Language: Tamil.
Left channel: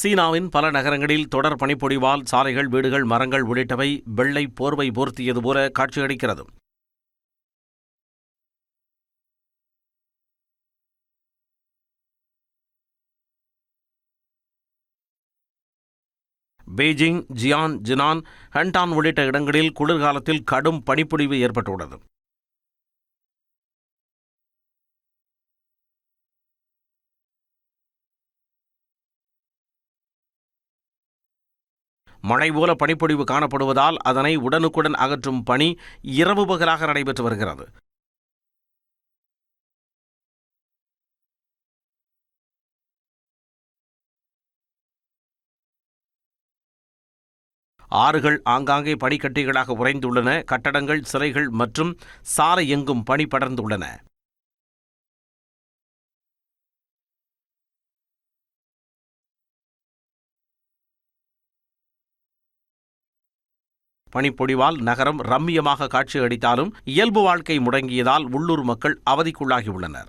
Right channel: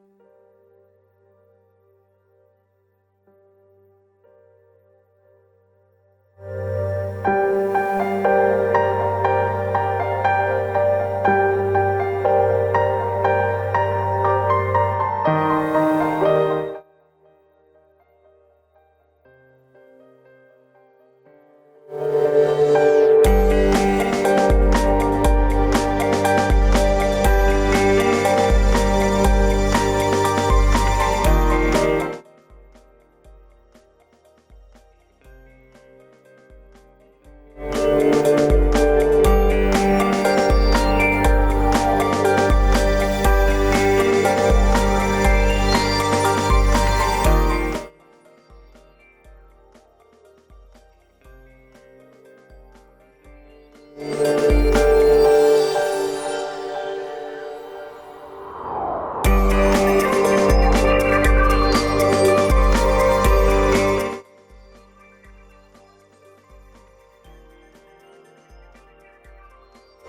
சீனாவின் பல நகரங்களில் தொடர் பனிப்பொழிவால் சாலைகள், வீடுகள், மரங்கள் உள்ளிட்டவை வெள்ளை போர்வை போர்த்தியது போல காட்சியளிக்கிறது. பெய்ஜிங், ஜியான், ஜினான், ஹண்டான் உள்ளிட்ட இடங்களில் குளிர்காலத்தில் கடும் பனிப்பொழிவு ஏற்பட்டுள்ளது. மழை போல பனிப்பொழிவு காணப்படுவதால் அதனை உடனுக்குடன் அகற்றும் பணி இரவு பகலாக நடைபெற்று வருகிறது. ஆறுகள் ஆங்காங்கே பனிக்கட்டிகளாக உறைந்துள்ளன. கட்டடங்கள், சிலைகள் மற்றும் சாலை எங்கும் பனி படர்ந்துள்ளன. பனிப்பொழிவால் நகரம் ரம்மியமாக காட்சியளித்தாலும் இயல்பு வாழ்க்கை முடங்கியதால் உள்ளூர் மக்கள் அவதிக்குள்ளாகியுள்ளனர்.